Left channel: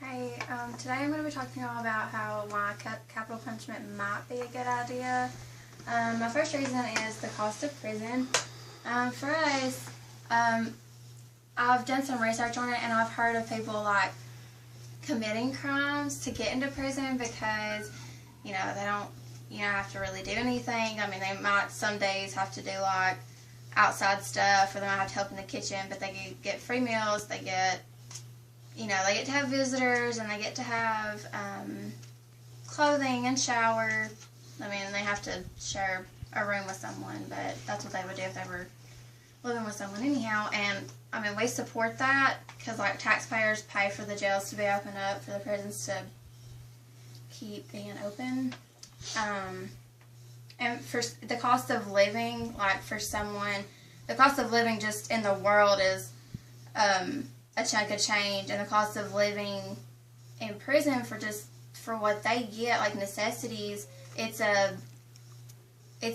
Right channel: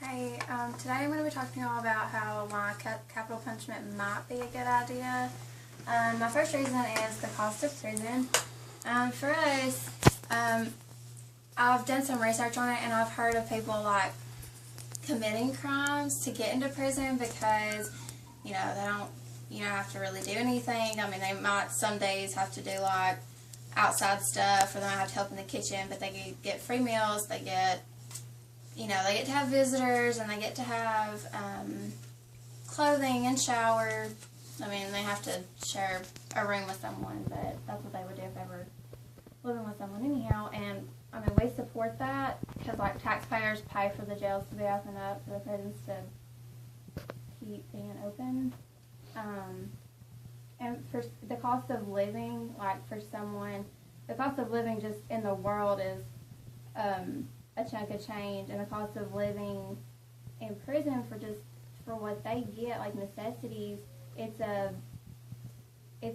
Hey, today I'm going to be talking to you all about how why capital punishment might be a good idea. My first reason is the cost of prison. For us, I've done some research on it, and I've heard of people like committing crimes to get into prison because, they don't, have to really do anything. I mean, they might some days have to do like outside stuff, or they might have to help in the kitchen, but they get free meals, they get they get to have visitors, and they get to have clothing and shower. I mean, they have to share a room with someone, but that's what they would do if they were living with someone anyhow. And, I mean, we support that because, like, taxpayers pay for the jails to be opened up, for the prisons to keep being open. And for the cost of living, like, for someone, the cost of living just in the world is a chunk of change, and the cost of living in prison for what they get, like necessities, it's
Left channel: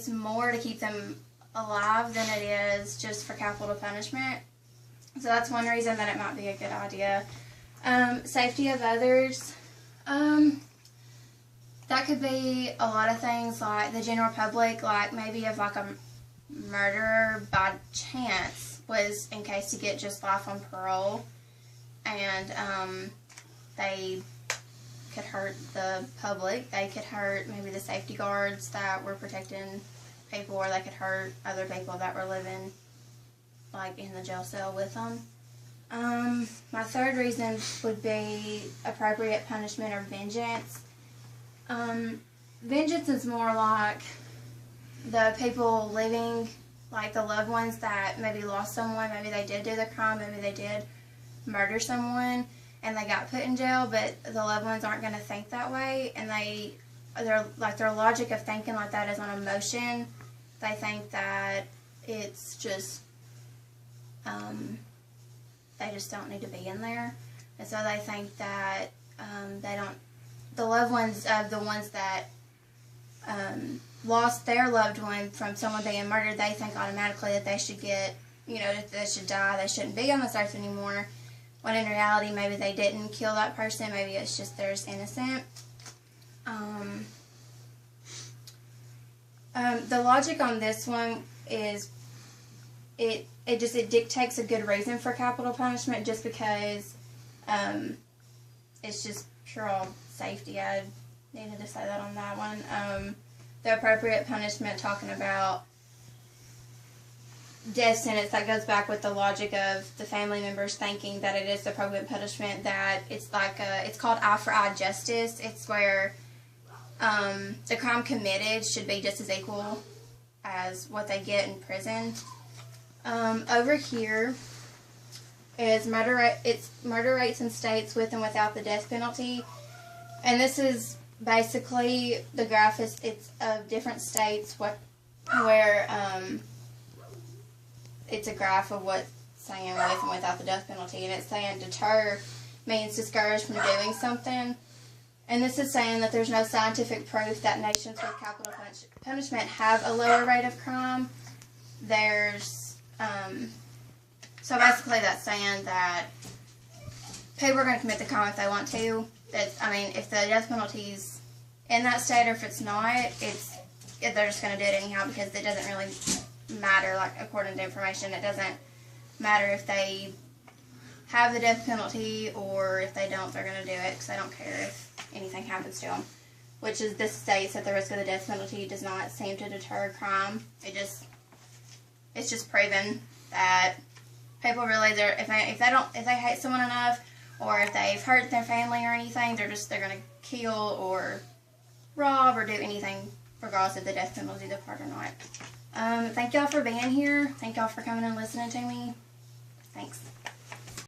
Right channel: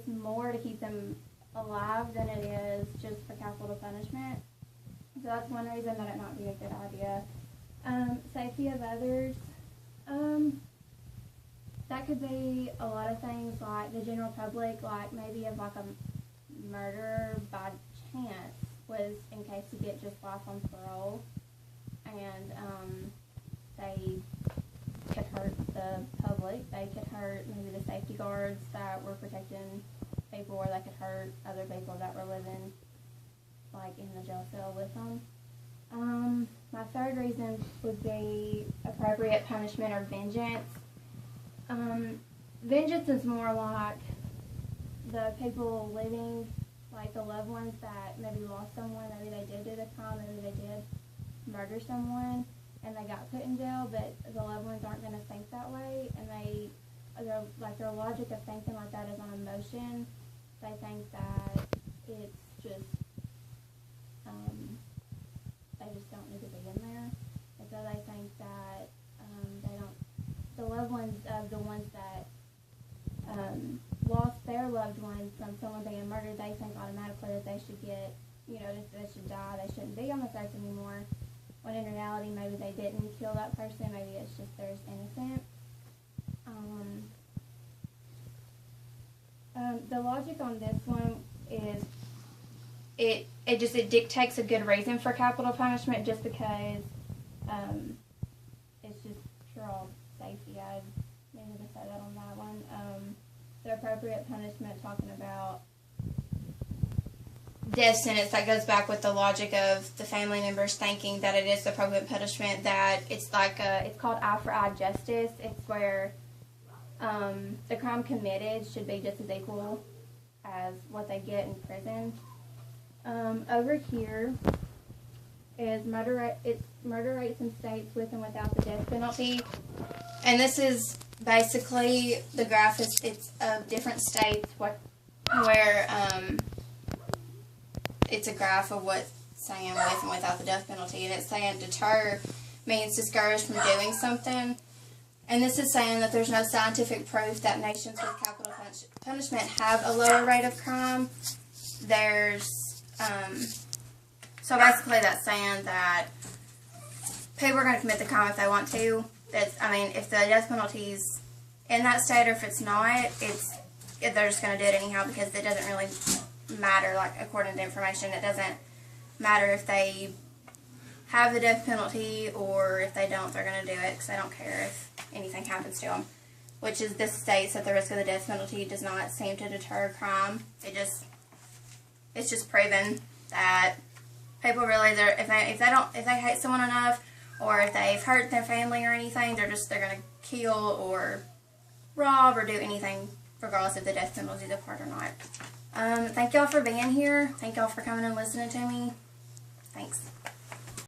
more to keep them alive than it is just for capital punishment. So that's one reason that it might be a good idea. Safety of others, that could be a lot of things, like the general public, like maybe if like a murderer by chance was in case to get just life on parole, and they could hurt the public. They could hurt maybe the safety guards that were protecting people, or they could hurt other people that were living like in the jail cell with them. My third reason would be appropriate punishment or vengeance. Vengeance is more like the people living, like the loved ones that maybe lost someone, maybe they did do the crime, maybe they did murder someone and they got put in jail, but the loved ones aren't going to think that way, and their logic of thinking like that is on emotion. They think that it's just they just don't need to be in there, and so they think that the loved ones of the ones that lost their loved one from someone being murdered, they think automatically that they should get, that they should die, they shouldn't be on this earth anymore, when in reality maybe they didn't kill that person, maybe it's just they're innocent. The logic on this one is it dictates a good reason for capital punishment, just because it's just pure safety. I needed to say that on that one. The appropriate punishment, talking about death sentence, that goes back with the logic of the family members thinking that it is the appropriate punishment, that it's like it's called eye for eye justice. It's where the crime committed should be just as equal as what they get in prison. Over here is murder rates in states with and without the death penalty, and this is basically the graph it's of different states where it's a graph of what's saying with and without the death penalty, and it's saying deter means discourage from doing something, and this is saying that there's no scientific proof that nations with capital punishment have a lower rate of crime. There's so basically that's saying that people are going to commit the crime if they want to. If the death penalty's in that state, or if it's not, they're just going to do it anyhow, because it doesn't really matter, like, according to information, it doesn't matter if they have the death penalty or if they don't, they're going to do it, because they don't care if anything happens to them, which is, this states that the risk of the death penalty does not seem to deter crime. It's just proven that people really, if they hate someone enough, or if they've hurt their family or anything, they're going to kill or rob or do anything, regardless if the death penalty is a part or not. Thank y'all for being here. Thank y'all for coming and listening to me.